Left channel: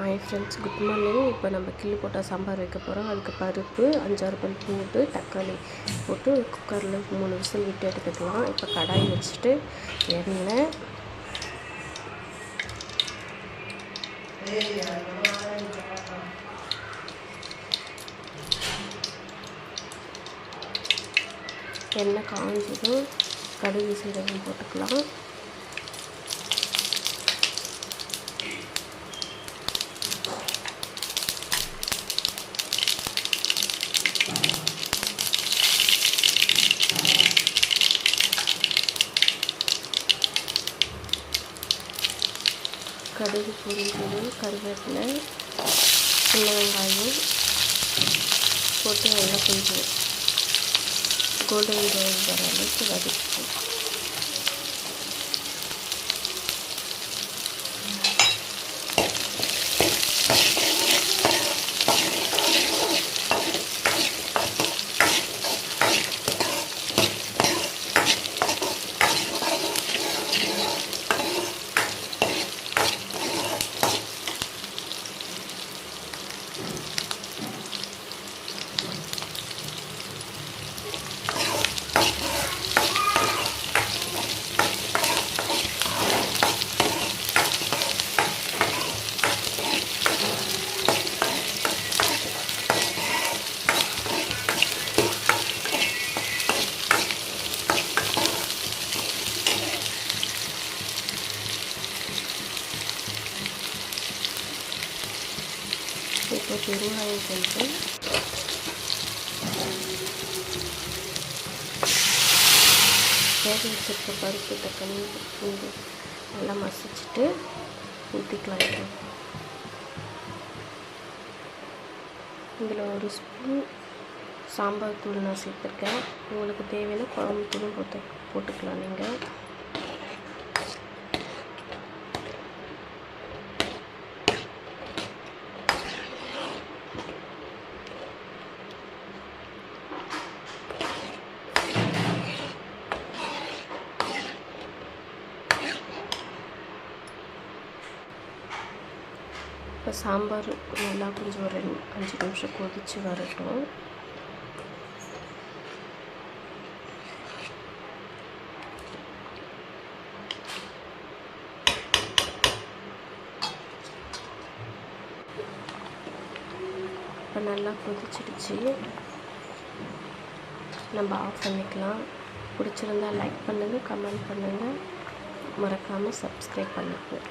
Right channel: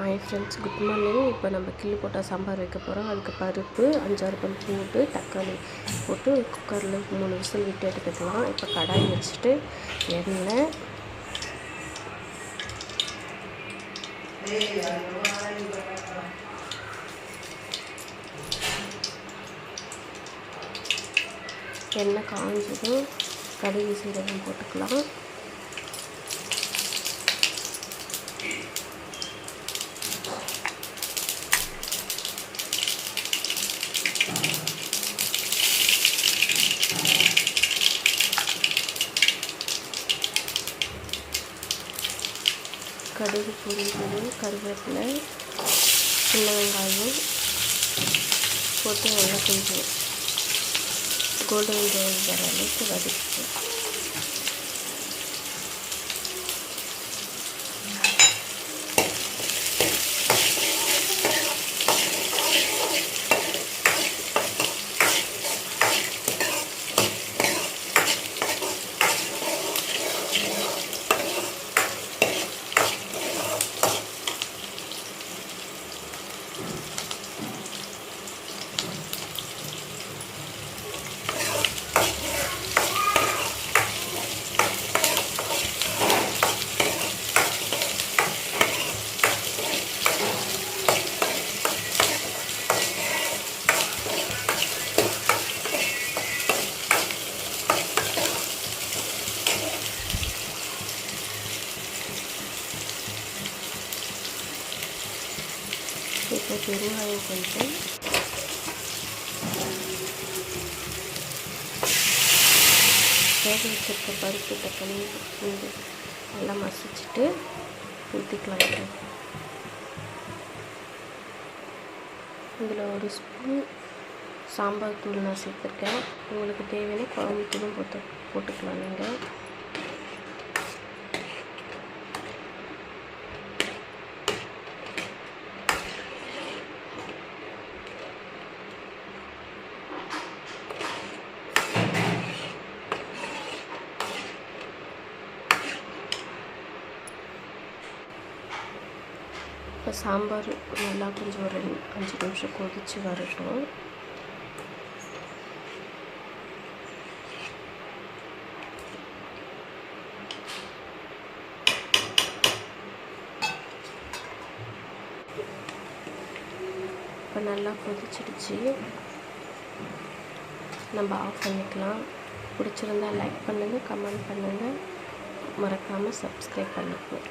Hi friends, good morning. இப்போ நம்ம கிள்ளி போட்டால் சாம்பார் வைக்க போகிறோம். அதுக்கு பருப்பு 5-6 பல் பூண்டு, தக்காளி போட்டு குக்கரில் 3 விசில் விட்டு எடுத்துக்கலாம். இப்போ கடாய் வச்சுட்டு எண்ணெய் காஞ்சதும் கடுகு சீரகம் போட்டுக்கலாம். கடுகு பொரிஞ்சதும் கருவேப்பிலை, சின்ன வெங்காயம் போட்டு நல்லா கொஞ்சம் கோல்டன் ப்ரௌன் வர அளவுக்கு வதக்கிப்போம். இப்போ பெருங்காயம் கொஞ்சம், வேக வச்சிருக்க பருப்பு, தக்காளி, பூண்டு நல்லா மசிச்சுட்டு ஊற்றிக்கலாம். இதில் 1 ஸ்பூன் சாம்பார் தூள் நான் சேர்த்துருக்கேன். உங்களுக்கு தேவையான குழம்பு தூளும் போட்டுக்கலாம் நீங்கள். இப்போ சாம்பார் நல்லா கொஞ்சம் ஒரு 5 நிமிஷம் கொதித்து வரட்டும். இப்போ நல்லா கொதிச்சிடுச்சு, நம்ம ஆஃப் பண்ணிக்கலாம். பிடிச்சிருந்தால் லைக் பண்ணுங்கள், கமெண்ட் பண்ணுங்கள், மறக்காமல் சப்ஸ்கிரைப் பண்ணிக்கணும்.